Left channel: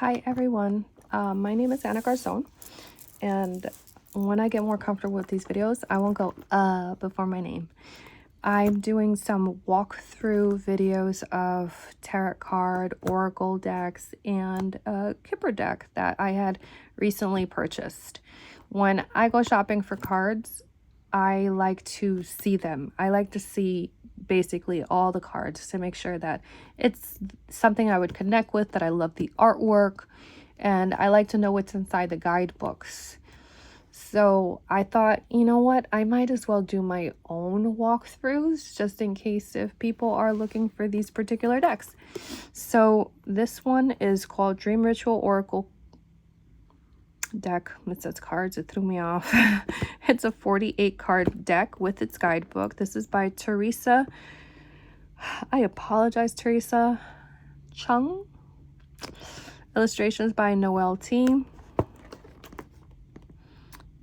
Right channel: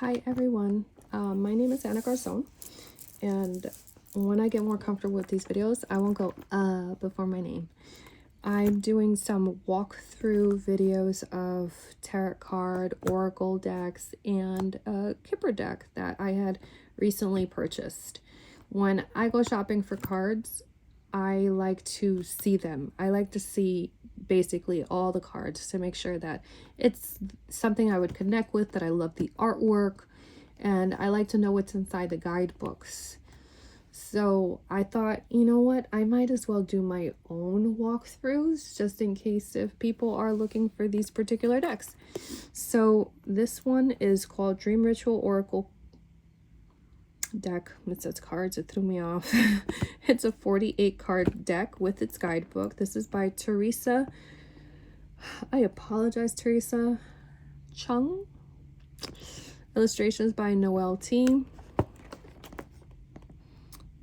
Hi everyone, my name is Anna Garzon, and when I get more comfortable with these videos, I won't go before my name. I'm doing some walkthrough videos of tarot card, oracle decks, and a Kipper deck that I had recently purchased. When I go shopping for cards, I like to see them. I like to see basically all the cards to make sure that it's something I would connect with, that I love the artwork, and I like to know what's inside the guidebooks. So I thought, you know what, I might as well do my own walkthroughs just in case if people are looking for these particular decks. So this one is called Dream Ritual Oracle deck. It says cards, it threw me off. It's a 48 card deck with its guidebook. This is by Teresa, I apologize, Teresa Chung. Illustrations by Noel T.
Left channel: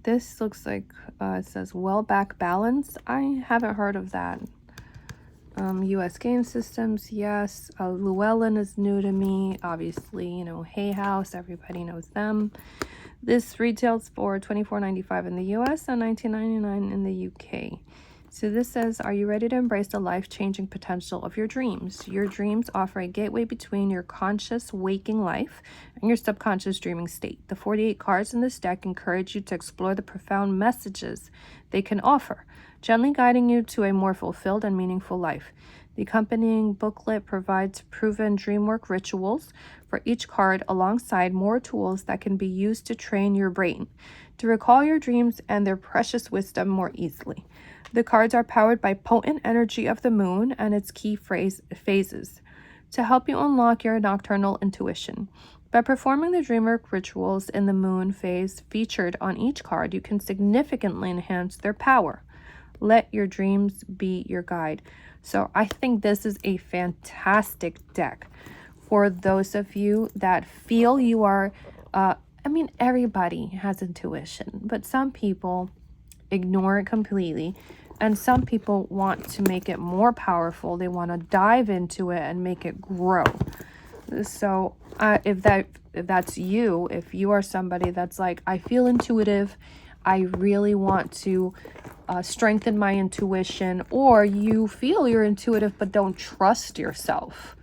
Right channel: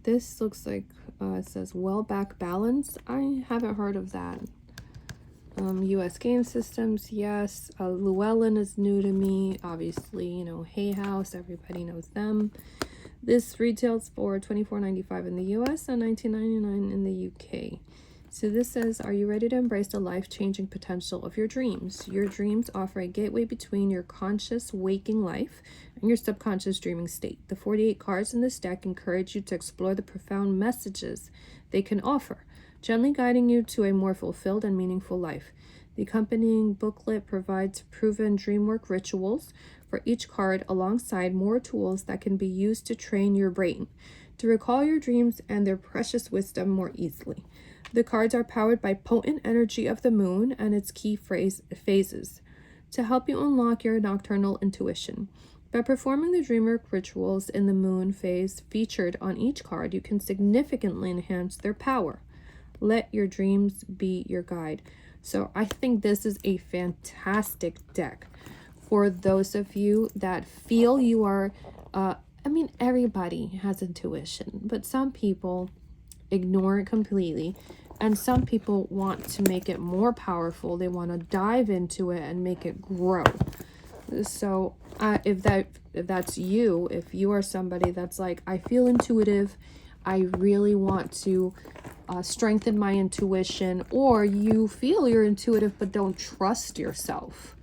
This looks like it says well back balance. I haven't heard of that. US game systems, yes. Llewellyn is new to me, obviously. You know, Hay House, everybody knows them. This retails for $24.95 in the US and $19.99 in the UK. So this says, are you ready to embrace the life-changing potential of your dreams? Your dreams offer a gateway between your conscious waking life and your subconscious dreaming state. The 48 cards in this deck encourage you to explore the profound messages they can offer, gently guiding you to a more fulfilled and meaningful life. The accompanying booklet provides proven dreamwork rituals for each card, alongside more tools that can be used to train your brain to recall your dreams and their precious wisdom more easily. The cards are powered by potent energy of the moon and its key phases to help you unlock your nocturnal intuition. By performing the dreamwork rituals in the moon phase featured on each card, you can significantly enhance their power. Let your dreams be your guide. So I think this is a fantastic deck for those of you that feel you are, everybody has intuition, but some people ignore it completely, and some people want to make it more powerful. They want to dive into it and make it grow. So if that's you, if you are somebody that's like, I feel intuitive, I really want to strengthen my intuition, or you feel you're intuitive but don't trust yourself,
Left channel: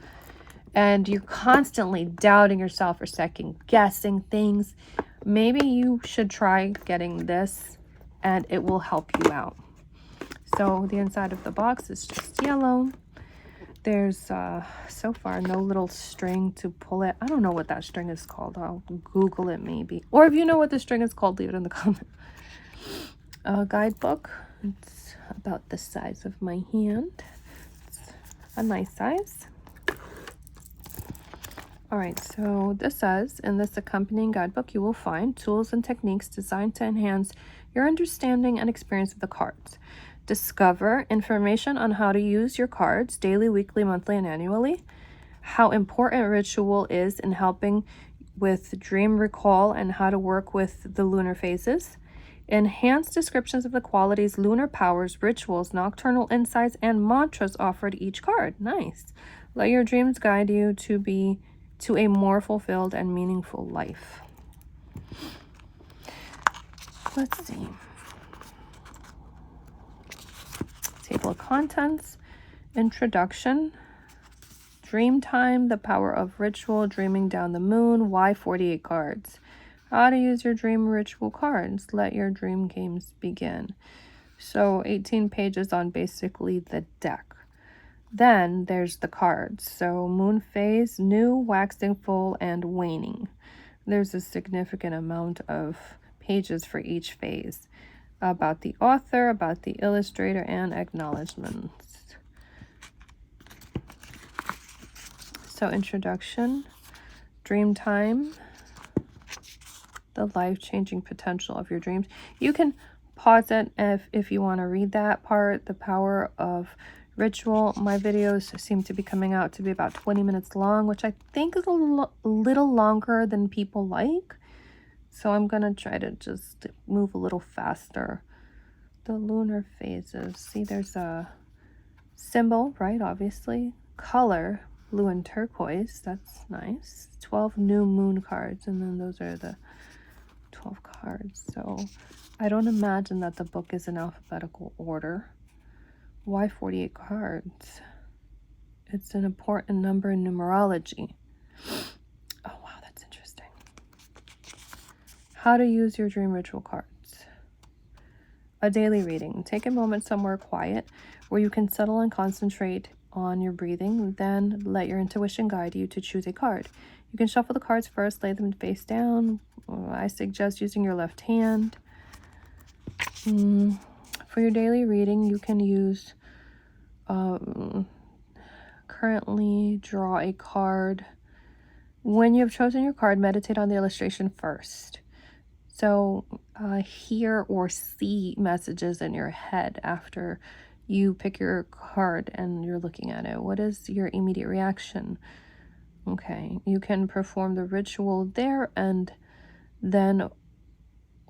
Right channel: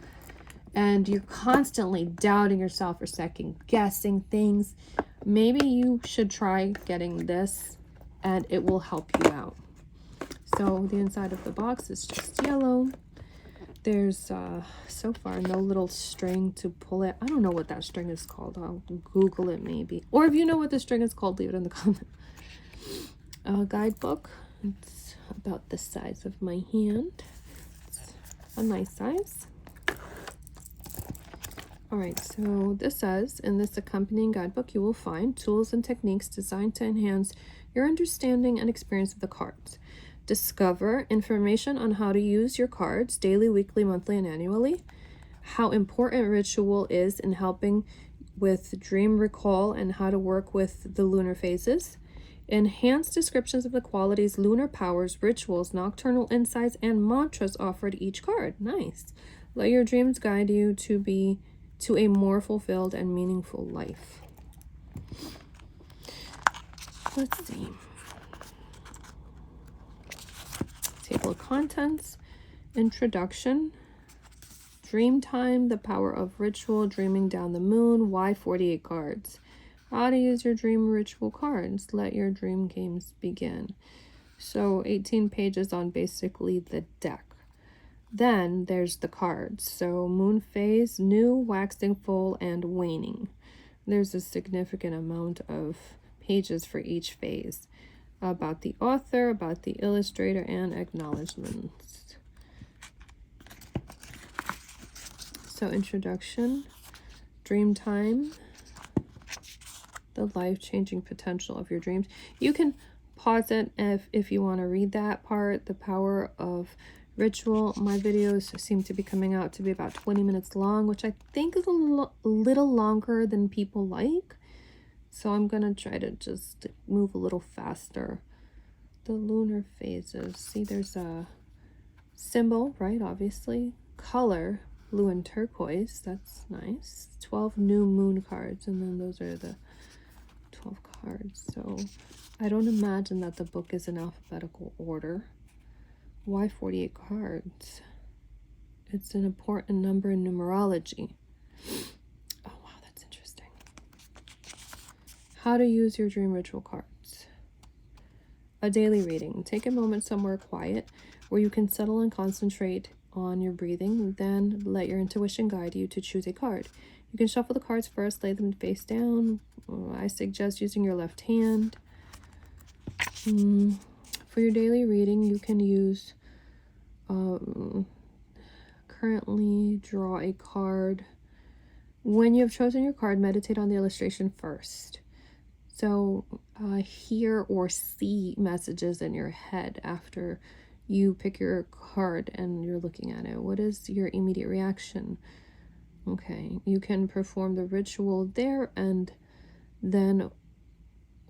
and you're constantly doubting yourself or second guessing things, maybe you should try getting this and it will help you out. So the inside of the box is just yellow. There's so far no little string to pull it. I don't know what that string is called. I'll Google it maybe, or if you know what the string is called, leave it in the comments. Guidebook. It's about the size of my hand. It's a nice size. All right, so this says, in this accompanying guidebook, you will find tools and techniques designed to enhance your understanding and experience of the cards. Discover information on how to use your cards daily, weekly, monthly, and annually. How important ritual is in helping with dream recall and how to work with the lunar phases. Enhanced descriptions of the qualities, lunar powers, rituals, nocturnal insights, and mantras offered each card. Nice. Let your dreams guide you to a more fulfilled and meaningful life. Let's see. Table of contents, introduction, dream time, the power of ritual, dreaming down the moon, why 48 cards, how to use your dream ritual cards, let your dream games begin. So 18 pages on basically the deck. Then there's the cards. So moon phase, new, waxing full, and waning. There's a significant amount of pages for each phase. About the author, about the illustrator, and acknowledgements. So introduction, dream time, the life-changing potential of your dreams. You can pause it if you want to read that part, the power of ritual. My videos seem to be coming out to be about 20 minutes long, which I think is a little longer than people like. So I'm going to try to just move a little faster. The lunar phases. See, there's a symbol, right? Obviously. Color. blue and turquoise. That's nice. 12 new moon cards, and then those are the 12 cards. So I don't imagine that the book is in alphabetical order. Why 48 cards? It's an important number in numerology. Oh, wow, that's interesting. How to use your dream ritual cards. A daily reading. Take a moment somewhere quiet where you can settle and concentrate on your breathing. Then let your intuition guide you to choose a card. You can shuffle the cards first, lay them face down. I suggest using your left hand. For your daily reading, you can use currently draw a card. When you have chosen your card, meditate on the illustration first. So hear or see messages in your head after you pick your card and you're looking at it. What is your immediate reaction? Okay, you can perform the ritual there and then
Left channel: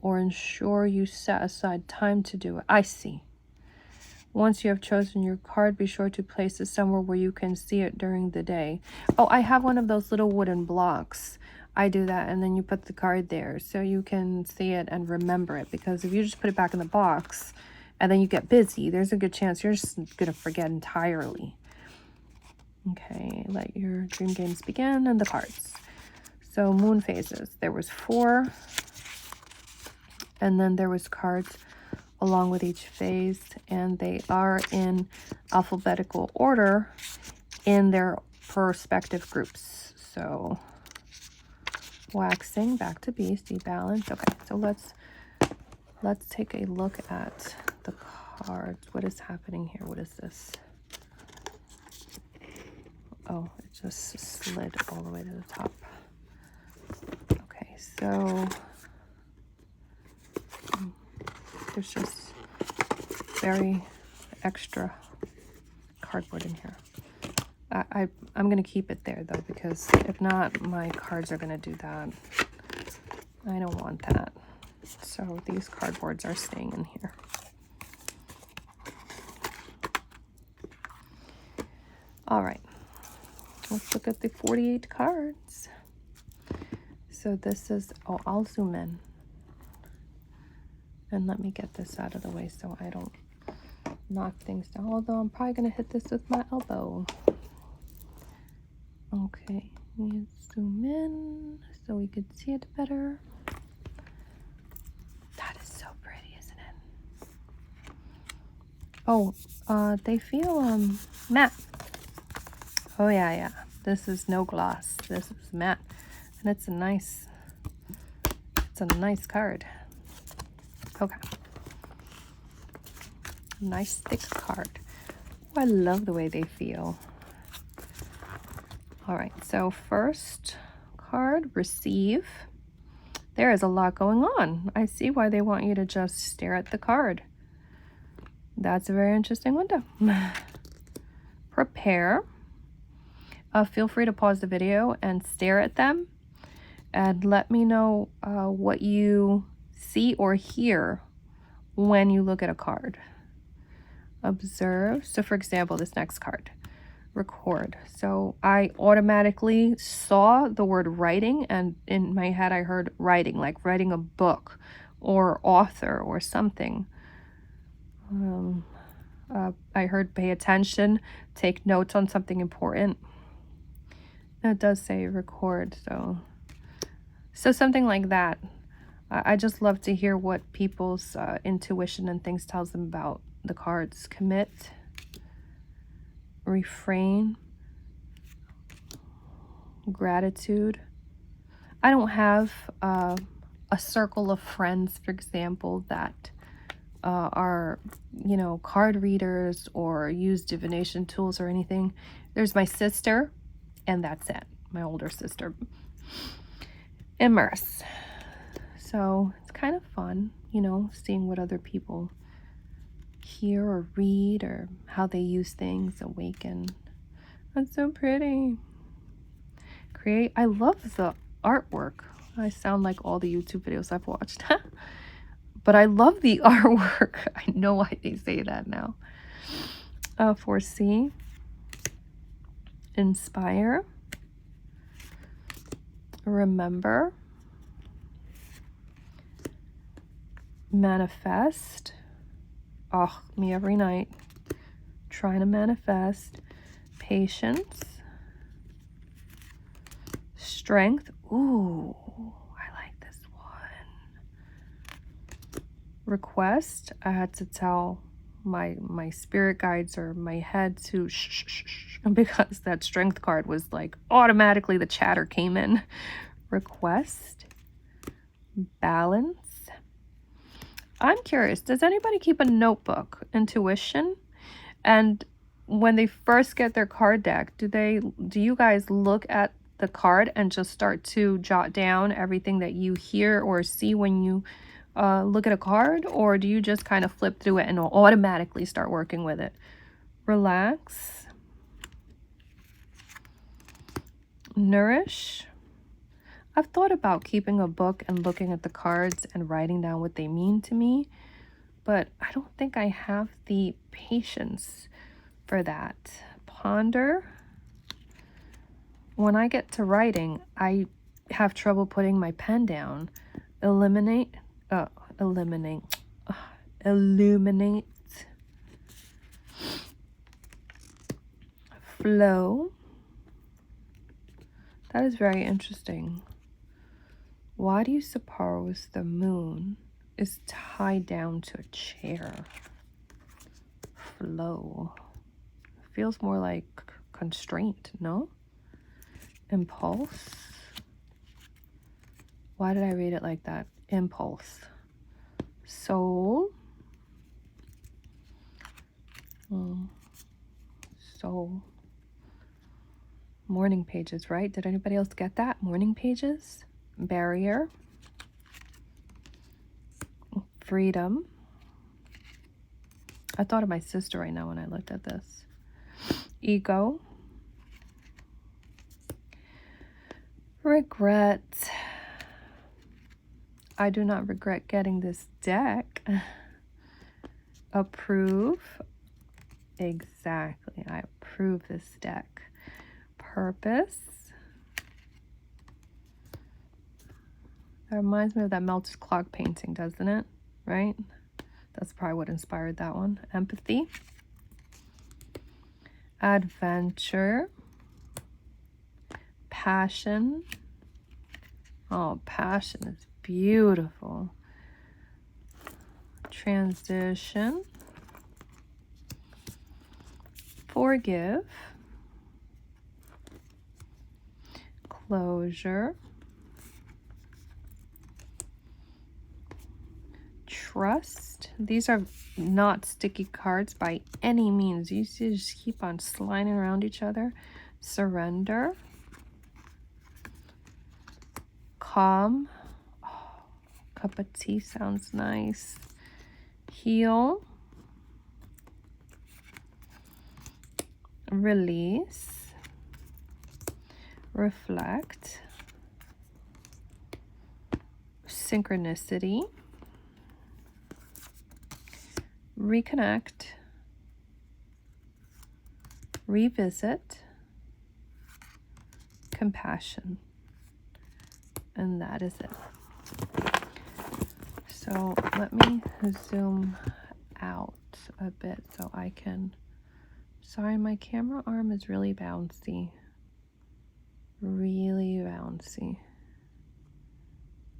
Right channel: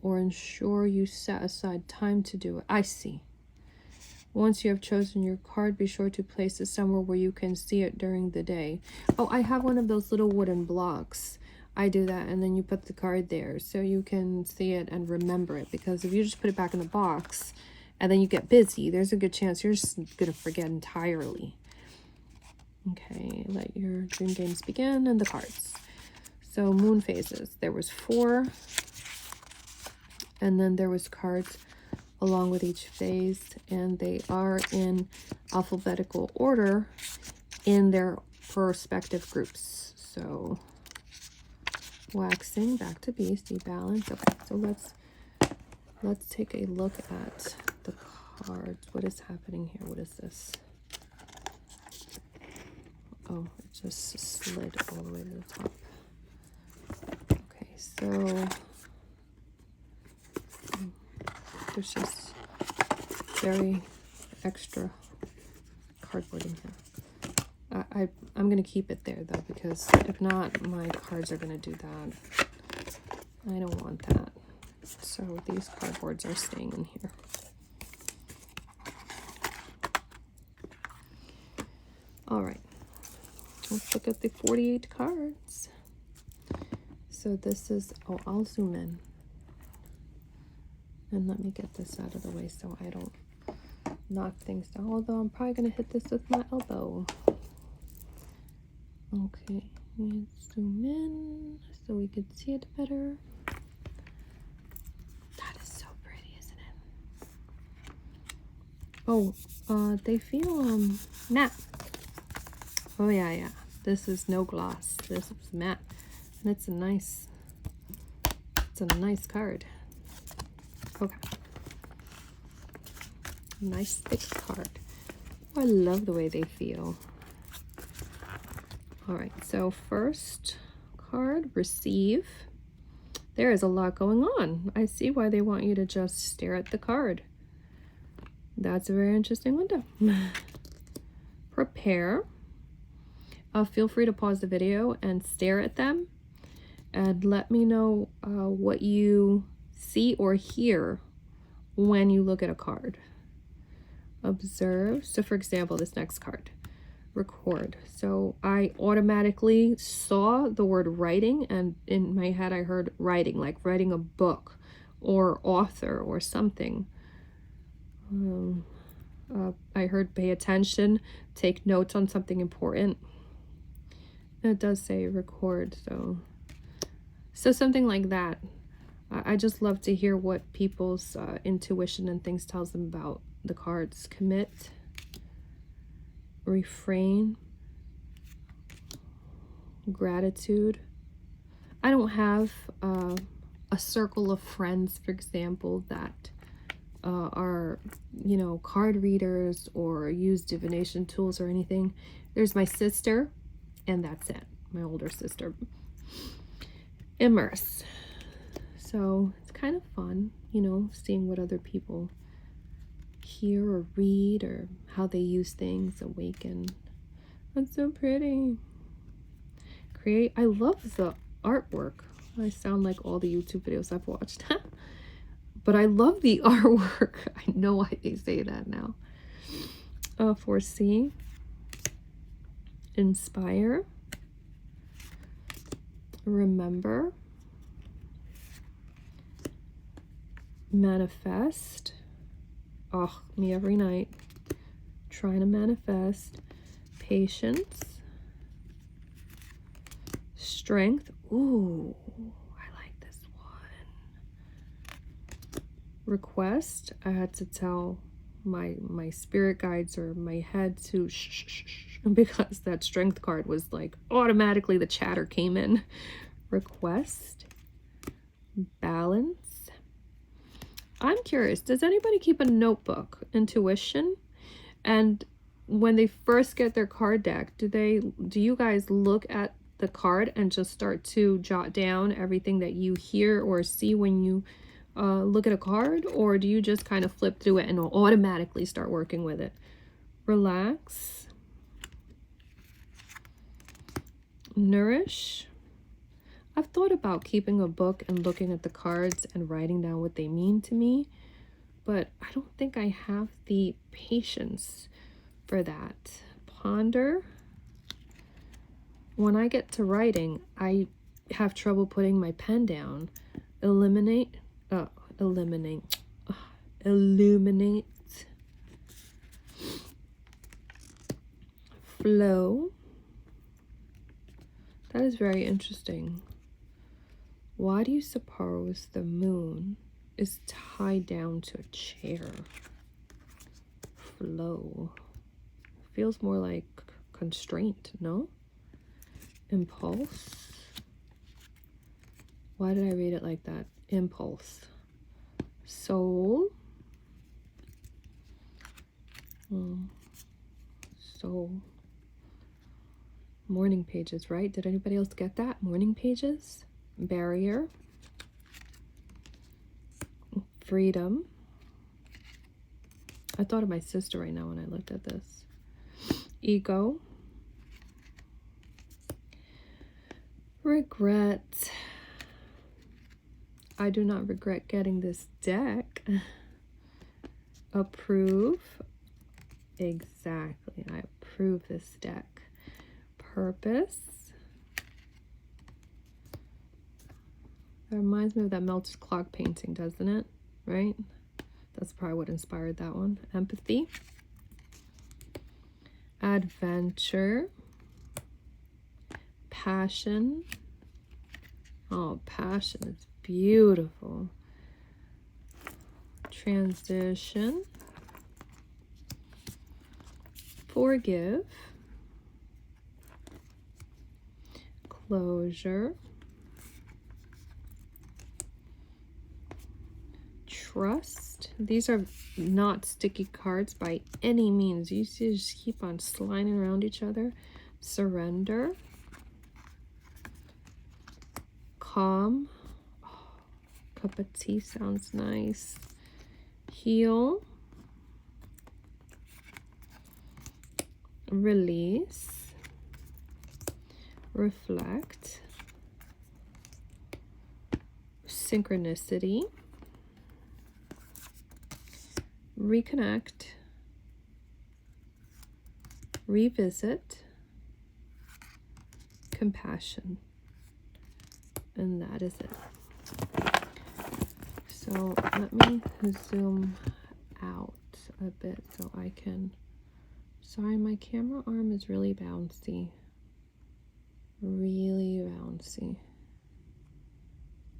or ensure you set aside time to do it. I see. Once you have chosen your card, be sure to place it somewhere where you can see it during the day. Oh, I have one of those little wooden blocks. I do that, and then you put the card there so you can see it and remember it. Because if you just put it back in the box and then you get busy, there's a good chance you're just going to forget entirely. Okay, let your dream games begin and the cards. So moon phases. There was 4, and then there was cards along with each phase, and they are in alphabetical order in their respective groups. So waxing, back to beast, balance. Okay, so let's take a look at the cards. What is happening here? What is this? Oh, it just slid all the way to the top. Okay, so there's just very extra cardboard in here. I'm going to keep it there, though, because if not, my cards are going to do that. I don't want that. So these cardboards are staying in here. All right. Let's look at the 48 cards. So this is, oh, I'll zoom in. And let me get this out of the way so I don't knock things down. Although I'm probably going to hit this with my elbow. Okay, let's zoom in so we can see it better. That is so pretty, isn't it? Oh, they feel matte. Oh yeah. This is no gloss. This is matte, and it's a nice card. Okay, nice thick card. I love the way they feel. All right, so first card, receive. There is a lot going on. I see why they want you to just stare at the card. That's a very interesting window. Prepare. Feel free to pause the video and stare at them and let me know what you see or hear when you look at a card. Observe. So for example, this next card, record. So I automatically saw the word writing, and in my head I heard writing, like writing a book or author or something. I heard pay attention, take notes on something important. And it does say record, so something like that. I just love to hear what people's intuition and things tells them about the cards. Commit, refrain, gratitude. I don't have a circle of friends, for example, that are, you know, card readers or use divination tools or anything. There's my sister, and that's it. My older sister. Immerse. So it's kind of fun, you know, seeing what other people hear or read or how they use things. Awaken. That's so pretty. Create. I love the artwork. I sound like all the YouTube videos I've watched. But I love the artwork. I know why they say that now. Foresee. inspire, remember, manifest. Oh, me every night. Trying to manifest. Patience. Strength. Ooh, I like this one. Request. I had to tell my spirit guides or my head to shh, shh, shh, because that strength card was like automatically the chatter came in. Request. Balance. I'm curious, does anybody keep a notebook? Intuition? And when they first get their card deck, do you guys look at the card and just start to jot down everything that you hear or see when you look at a card? Or do you just kind of flip through it and automatically start working with it? Relax. Nourish. I've thought about keeping a book and looking at the cards and writing down what they mean to me, but I don't think I have the patience for that. Ponder. When I get to writing, I have trouble putting my pen down. Illuminate. Illuminate. Flow. That is very interesting. Why do you suppose the moon is tied down to a chair? Flow. Feels more like constraint, no? Impulse. Why did I read it like that? Impulse. Soul. Soul. Morning pages, right? Did anybody else get that? Morning pages. Barrier. Freedom. I thought of my sister right now when I looked at this. Ego. Regret. I do not regret getting this deck. Approve. Exactly. I approve this deck. Purpose. That reminds me of that melted clock painting, doesn't it? Right? That's probably what inspired that one. Empathy. Adventure. Passion. Oh, passion is beautiful. Transition. Forgive. Closure. Trust. These are not sticky cards by any means. You just keep on sliding around each other. Surrender. Calm. Oh, cup of tea sounds nice. Heal. Release. Reflect. Synchronicity. Reconnect. Revisit. Compassion. And that is it. So let me zoom out a bit so I can, sorry, my camera arm is really bouncy. Really bouncy.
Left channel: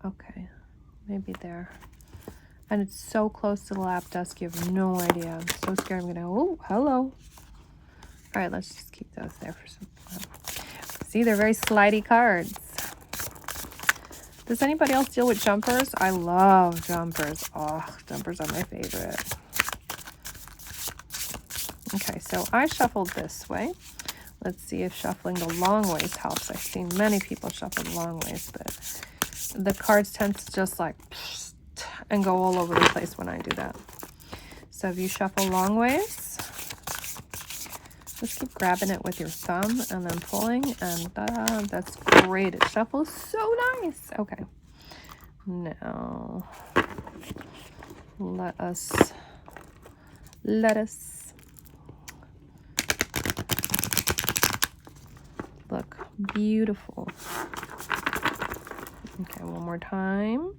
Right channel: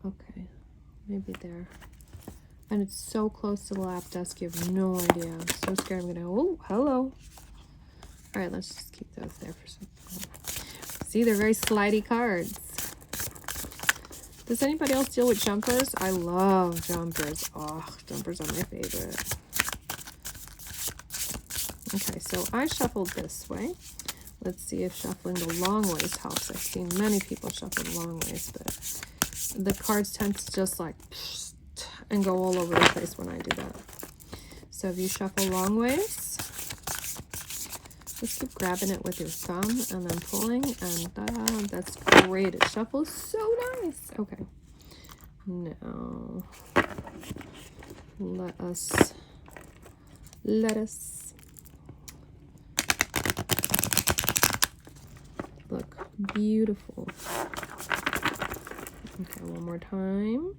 Okay, maybe there. And it's so close to the lap desk, you have no idea. I'm so scared I'm gonna, oh, hello. All right, let's just keep those there for some time. See, they're very slidey cards. Does anybody else deal with jumpers? I love jumpers. Oh, jumpers are my favorite. Okay, so I shuffled this way. Let's see if shuffling the long ways helps. I've seen many people shuffle the long ways, but the cards tend to just like and go all over the place when I do that. So if you shuffle long ways, just keep grabbing it with your thumb and then pulling, and that's great. It shuffles so nice. Okay, now let us Beautiful. Okay, one more time.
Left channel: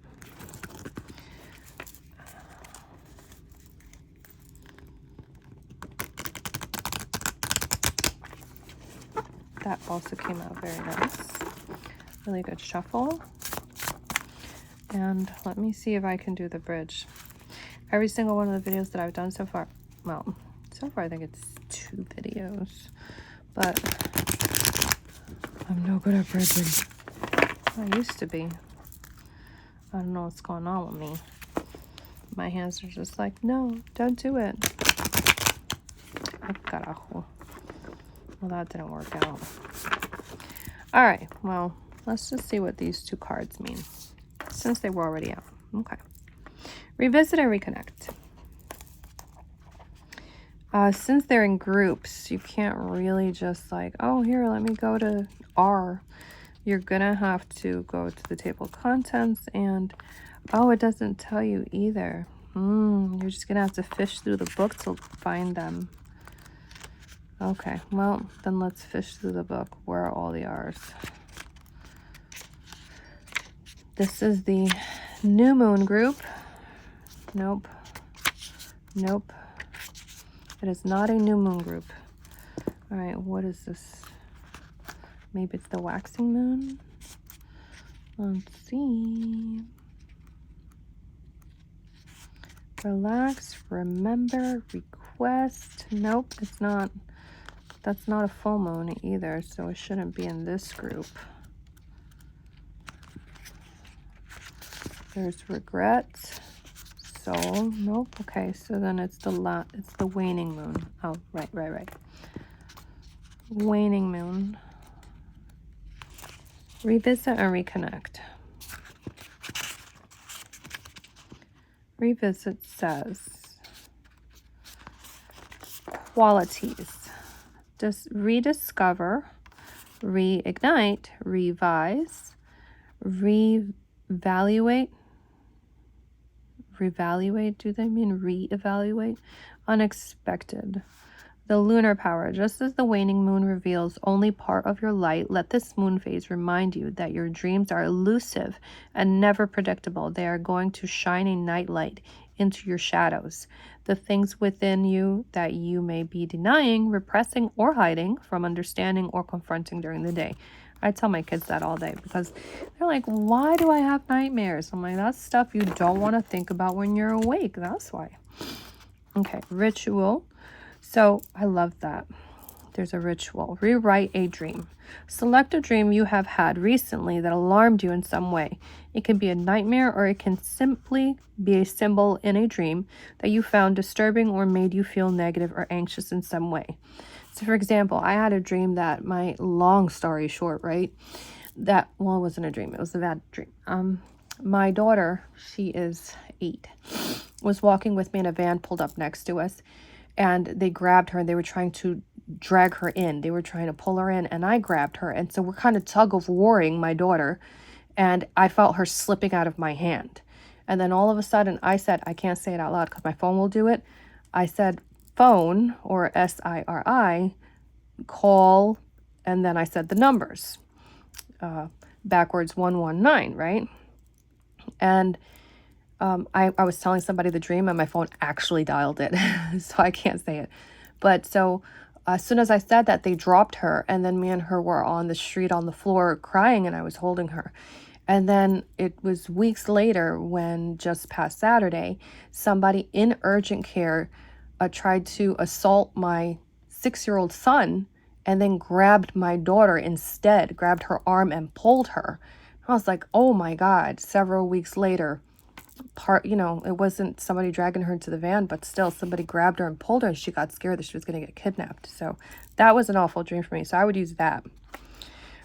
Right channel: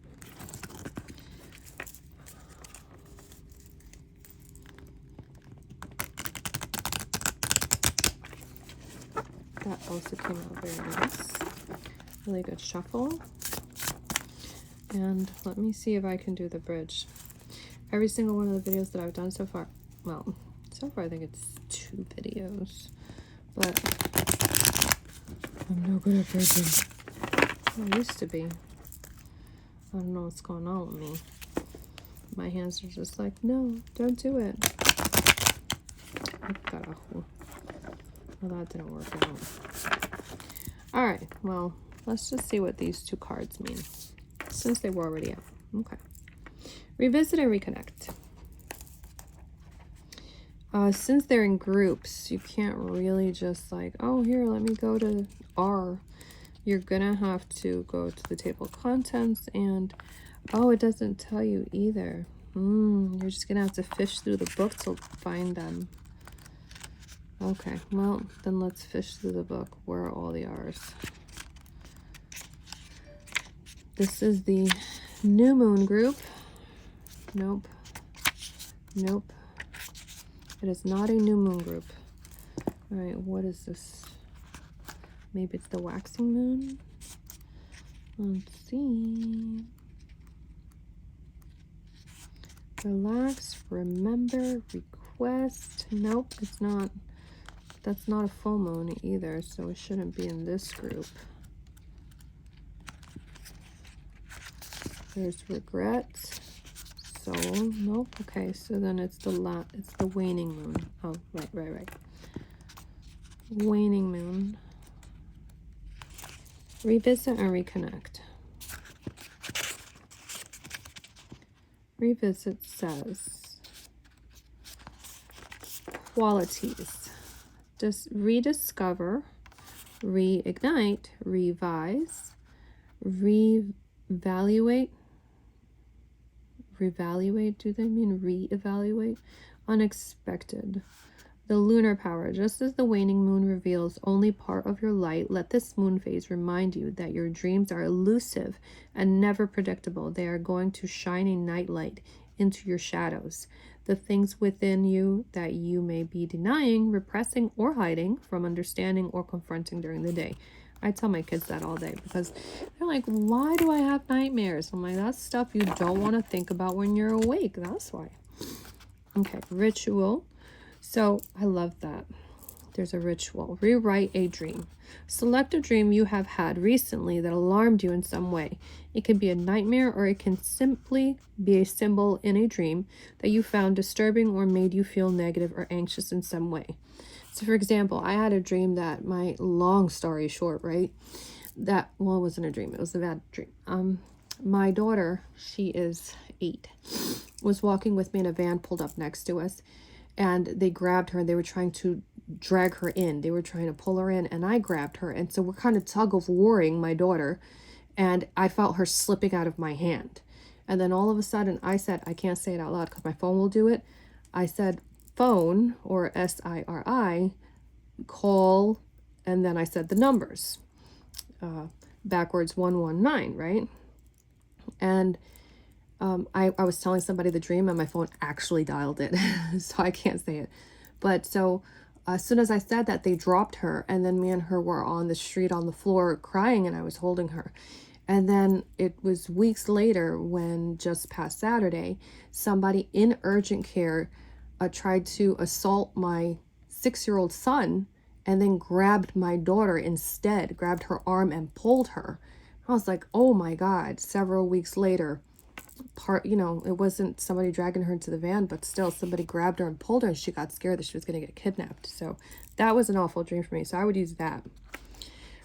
That also came out very nice. Really good shuffle. And let me see if I can do the bridge. Every single one of the videos that I've done so far, well, so far I think it's 2 videos, but I'm no good at bridging. I used to be. I don't know what's going on with me. My hands are just like, no, don't do it. Oh, carajo. Well, that didn't work out. All right, well, let's just see what these 2 cards mean, since they were already out. Okay. Revisit and reconnect. Since they're in groups, you can't really just like, oh, here, let me go to R. You're gonna have to go to the table of contents, and oh, it doesn't tell you either. You're just gonna have to fish through the book to find them. Okay, well, then let's fish through the book. Where are all the R's? This is the new moon group. Nope. Nope. It is not a new moon group. All right, what is this? Maybe it's the waxing moon? Let's see. Relax, remember, request. Nope, it's not. That's not a full moon either, so it shouldn't be in this group. There's regret. Soul. Nope. Okay, so then it's the waning moon. Oh, right. Waning moon. Revisit and reconnect. Revisit says qualities. Just rediscover, reignite, revise, reevaluate. Reevaluate, do they mean reevaluate? Unexpected. The lunar power. Just as the waning moon reveals only part of your light, let this moon phase remind you that your dreams are elusive and never predictable. They are going to shine a nightlight into your shadows. The things within you that you may be denying, repressing, or hiding from understanding or confronting during the day. I tell my kids that all day because they're like, why do I have nightmares? I'm like, that's stuff you don't want to think about when you're awake. That's why. Okay, ritual. So I love that. There's a ritual. Rewrite a dream. Select a dream you have had recently that alarmed you in some way. It can be a nightmare, or it can simply be a symbol in a dream that you found disturbing or made you feel negative or anxious in some way. So for example, I had a dream that long story short, right? It wasn't a dream. It was a bad dream. My daughter, she is 8, was walking with me in a van pulled up next to us, and they grabbed her and they were trying to drag her in. They were trying to pull her in, and I grabbed her. And so we're kind of tug of warring, my daughter, and I felt her slipping out of my hand. And then all of a sudden I said, I can't say it out loud because my phone will do it. I said, phone, or SIRI, call, and then I said the numbers, backwards 119, right? And I was telling somebody the dream and my phone actually dialed it, so I can't say it. But so as soon as I said that, they dropped her, and then me and her were on the street on the floor crying, and I was holding her. And then it was weeks later when, just past Saturday, somebody in urgent care tried to assault my 6-year-old son and then grabbed my daughter instead, grabbed her arm and pulled her. I was like, oh my God. Several weeks later, it wasn't somebody dragging her into the van, but still somebody grabbed her and pulled her, and she got scared that she was going to get kidnapped. So that was an awful dream for me. So I would use that.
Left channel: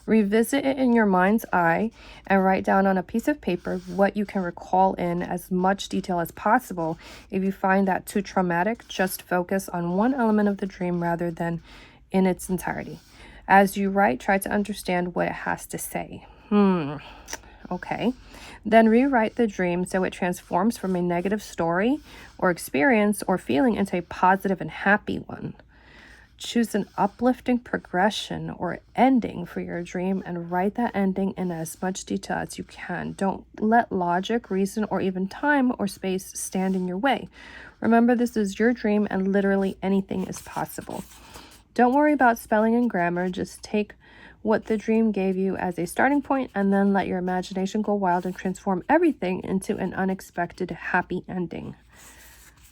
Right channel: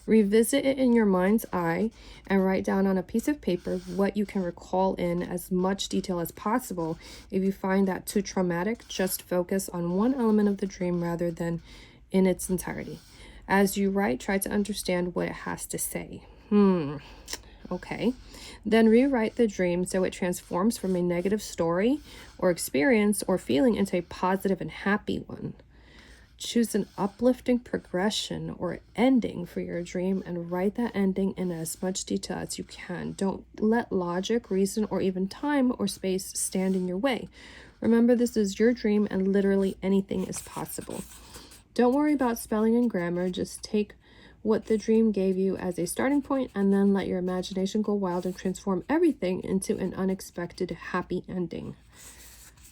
Revisit it in your mind's eye and write down on a piece of paper what you can recall in as much detail as possible. If you find that too traumatic, just focus on one element of the dream rather than in its entirety. As you write, try to understand what it has to say. Okay. Then rewrite the dream so it transforms from a negative story or experience or feeling into a positive and happy one. Choose an uplifting progression or ending for your dream and write that ending in as much detail as you can. Don't let logic, reason, or even time or space stand in your way. Remember, this is your dream and literally anything is possible. Don't worry about spelling and grammar. Just take what the dream gave you as a starting point and then let your imagination go wild and transform everything into an unexpected happy ending.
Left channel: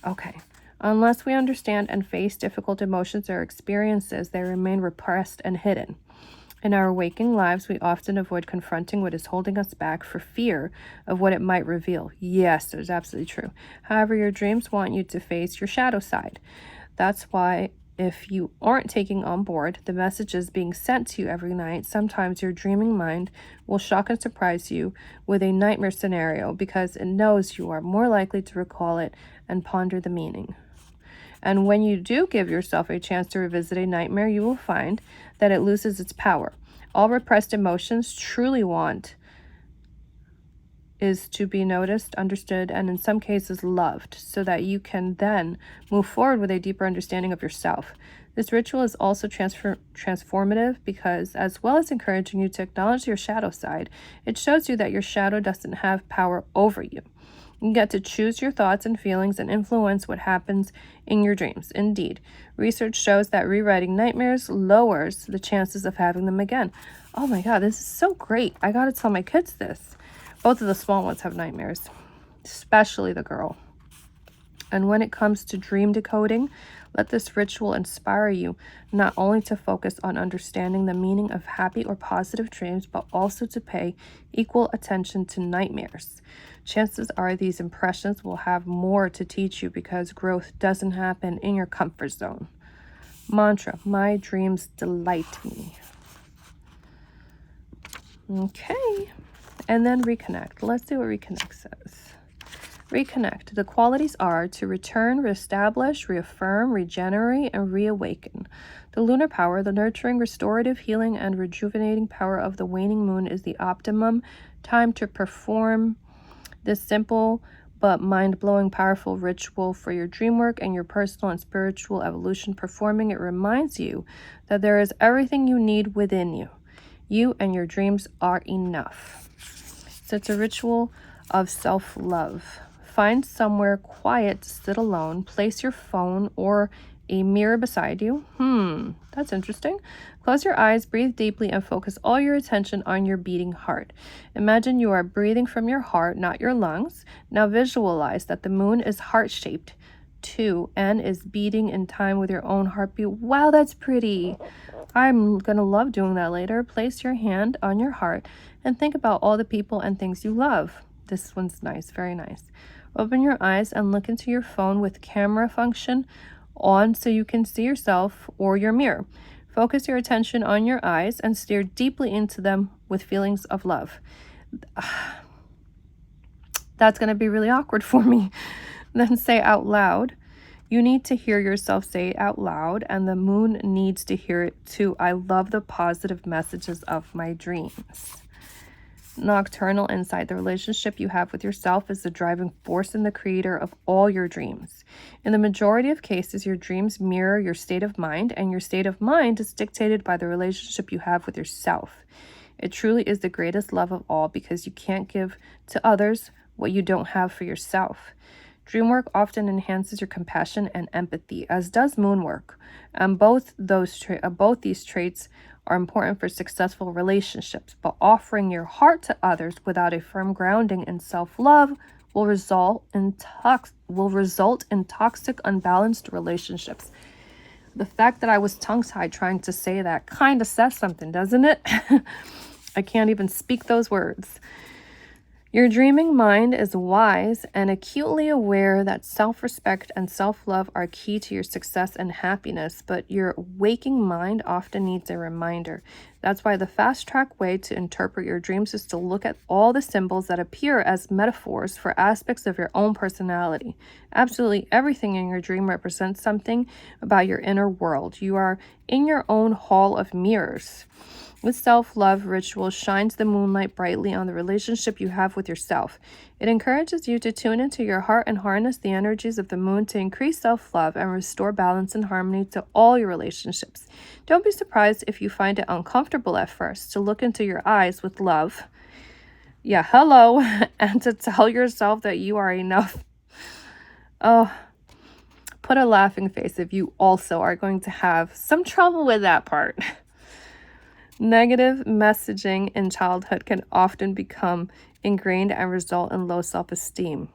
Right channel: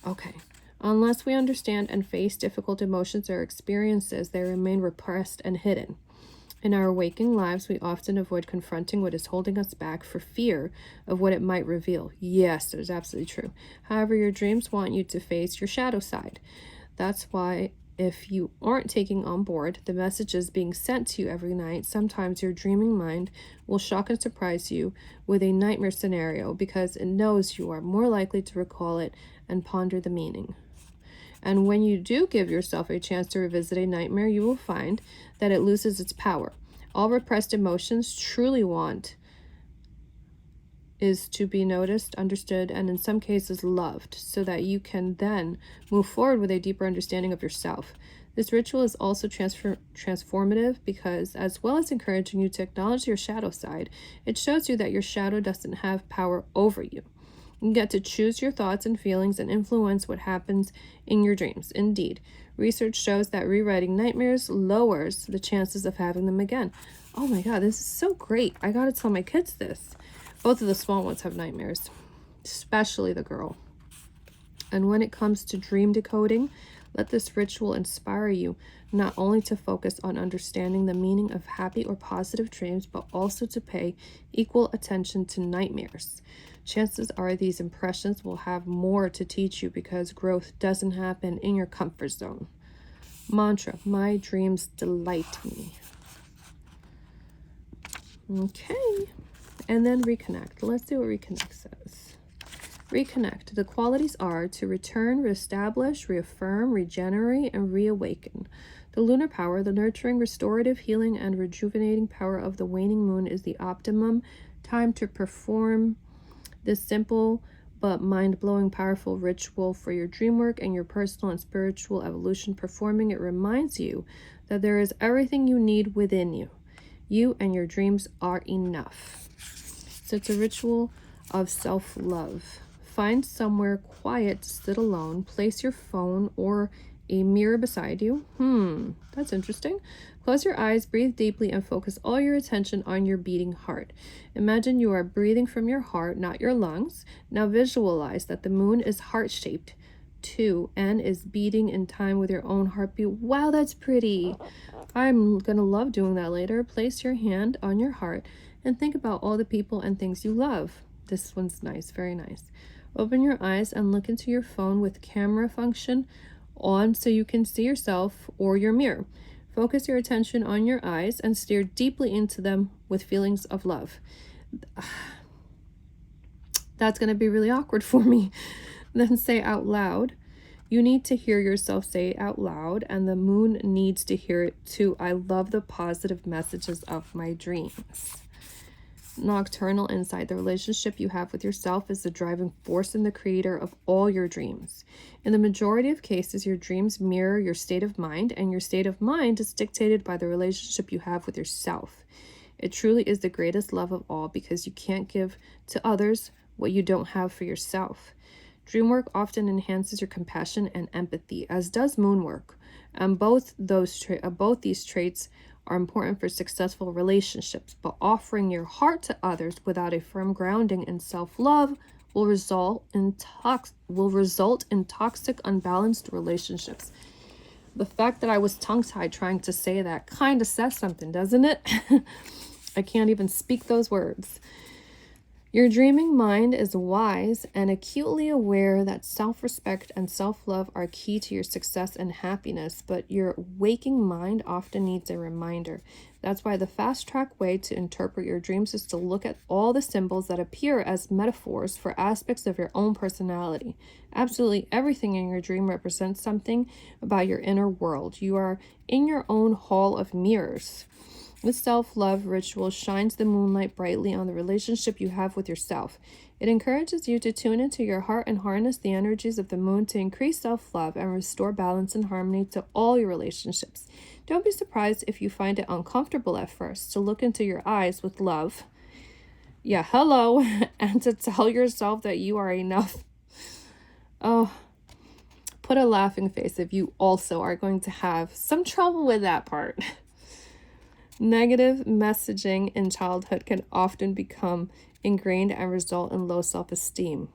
Okay. Unless we understand and face difficult emotions or experiences, they remain repressed and hidden. In our waking lives, we often avoid confronting what is holding us back for fear of what it might reveal. Yes, that's absolutely true. However, your dreams want you to face your shadow side. That's why if you aren't taking on board the messages being sent to you every night, sometimes your dreaming mind will shock and surprise you with a nightmare scenario because it knows you are more likely to recall it and ponder the meaning. And when you do give yourself a chance to revisit a nightmare, you will find that it loses its power. All repressed emotions truly want is to be noticed, understood, and in some cases loved, so that you can then move forward with a deeper understanding of yourself. This ritual is also transformative because, as well as encouraging you to acknowledge your shadow side, it shows you that your shadow doesn't have power over you. You get to choose your thoughts and feelings and influence what happens in your dreams. Indeed, research shows that rewriting nightmares lowers the chances of having them again. Oh my God, this is so great. I gotta tell my kids this. Both of the small ones have nightmares, especially the girl. And when it comes to dream decoding, let this ritual inspire you not only to focus on understanding the meaning of happy or positive dreams, but also to pay equal attention to nightmares. Chances are these impressions will have more to teach you because growth doesn't happen in your comfort zone. Mantra, my dreams delight me. Okay, and then reconnect. Let's see what reconnect says. Reconnect. The qualities are to return, reestablish, reaffirm, regenerate, and reawaken. The lunar power, the nurturing, restorative, healing, and rejuvenating power of the waning moon is the optimum time to perform this simple but mind-blowing powerful ritual for your dream work and your personal and spiritual evolution. Performing it reminds you that there is everything you need within you. You and your dreams are enough. So it's a ritual of self-love. Find somewhere quiet to sit alone. Place your phone or a mirror beside you. That's interesting. Close your eyes, breathe deeply, and focus all your attention on your beating heart. Imagine you are breathing from your heart, not your lungs. Now visualize that the moon is heart-shaped too and is beating in time with your own heartbeat. Wow, that's pretty. I'm going to love doing that later. Place your hand on your heart and think about all the people and things you love. This one's nice, very nice. Open your eyes and look into your phone with camera function on so you can see yourself or your mirror. Focus your attention on your eyes and stare deeply into them with feelings of love. That's going to be really awkward for me. Then say out loud. You need to hear yourself say it out loud, and the moon needs to hear it too. I love the positive messages of my dreams. Nocturnal insight. The relationship you have with yourself is the driving force and the creator of all your dreams. In the majority of cases, your dreams mirror your state of mind, and your state of mind is dictated by the relationship you have with yourself. It truly is the greatest love of all because you can't give to others what you don't have for yourself. Dream work often enhances your compassion and empathy, as does moon work. And both these traits are important for successful relationships, but offering your heart to others without a firm grounding in self-love will result in toxic, unbalanced relationships. The fact that I was tongue-tied trying to say that kind of says something, doesn't it? I can't even speak those words. Your dreaming mind is wise and acutely aware that self-respect and self-love are key to your success and happiness, but your waking mind often needs a reminder. That's why the fast-track way to interpret your dreams is to look at all the symbols that appear as metaphors for aspects of your own personality. Absolutely everything in your dream represents something about your inner world. You are in your own hall of mirrors. With self-love ritual shines the moonlight brightly on the relationship you have with yourself. It encourages you to tune into your heart and harness the energies of the moon to increase self-love and restore balance and harmony to all your relationships. Don't be surprised if you find it uncomfortable at first to look into your eyes with love. Yeah, hello, and to tell yourself that you are enough. Oh, put a laughing face if you also are going to have some trouble with that part. Negative messaging in childhood can often become ingrained and result in low self-esteem.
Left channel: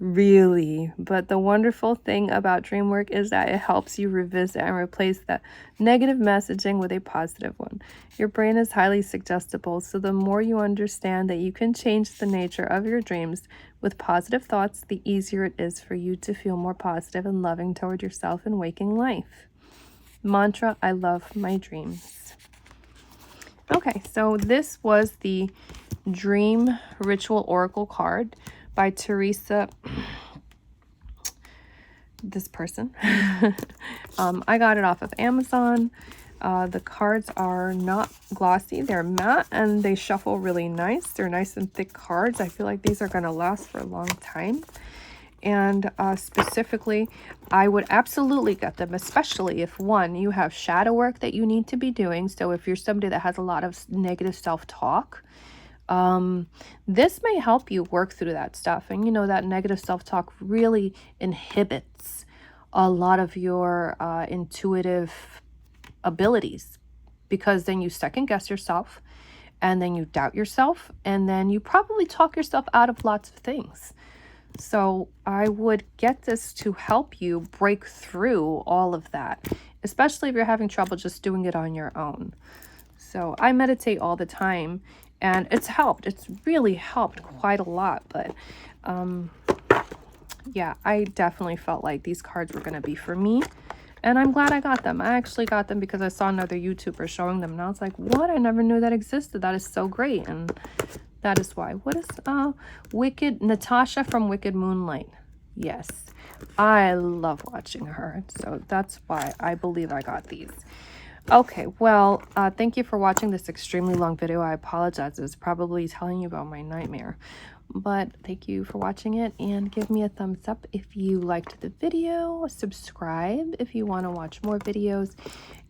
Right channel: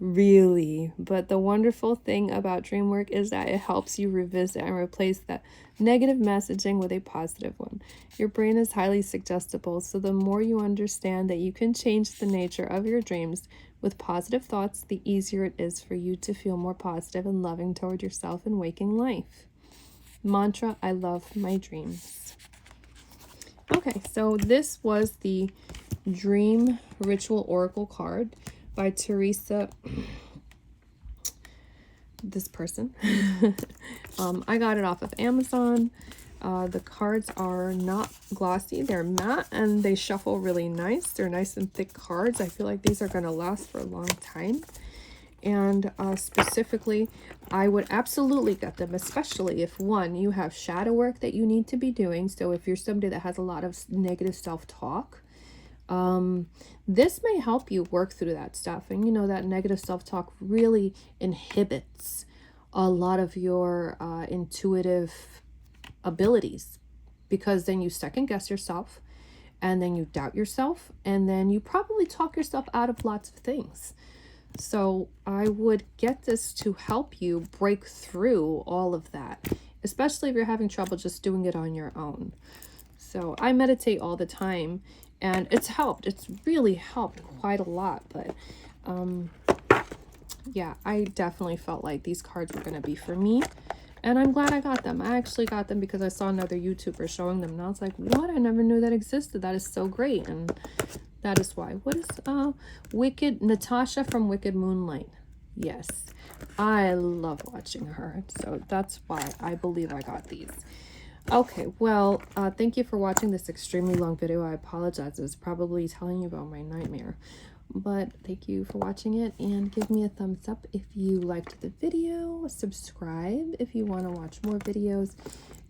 Really? But the wonderful thing about dream work is that it helps you revisit and replace that negative messaging with a positive one. Your brain is highly suggestible, so the more you understand that you can change the nature of your dreams with positive thoughts, the easier it is for you to feel more positive and loving toward yourself in waking life. Mantra, I love my dreams. Okay, so this was the Dream Ritual Oracle card by Teresa, this person. I got it off of Amazon. The cards are not glossy, they're matte, and they shuffle really nice. They're nice and thick cards. I feel like these are going to last for a long time. And specifically, I would absolutely get them, especially if, one, you have shadow work that you need to be doing. So if you're somebody that has a lot of negative self-talk, this may help you work through that stuff. And you know that negative self-talk really inhibits a lot of your intuitive abilities, because then you second guess yourself, and then you doubt yourself, and then you probably talk yourself out of lots of things. So I would get this to help you break through all of that, especially if you're having trouble just doing it on your own. So I meditate all the time, and it's helped. It's really helped quite a lot. But yeah, I definitely felt like these cards were going to be for me. And I'm glad I got them. I actually got them because I saw another YouTuber showing them. And I was like, what? I never knew that existed. That is so great. And that is why. What is Natasha from Wicked Moonlight? Yes. I love watching her. So that's why I believe I got these. Okay, well, thank you for watching this extremely long video. I apologize. It's probably telling you about my nightmare. But thank you for watching it, and give me a thumbs up if you liked the video. Subscribe if you want to watch more videos.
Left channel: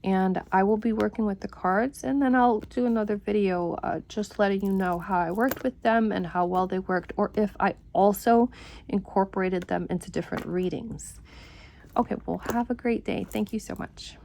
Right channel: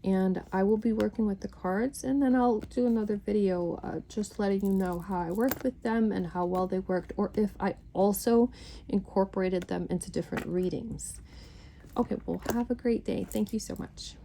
And I will be working with the cards, and then I'll do another video just letting you know how I worked with them and how well they worked, or if I also incorporated them into different readings. Okay, well, have a great day. Thank you so much.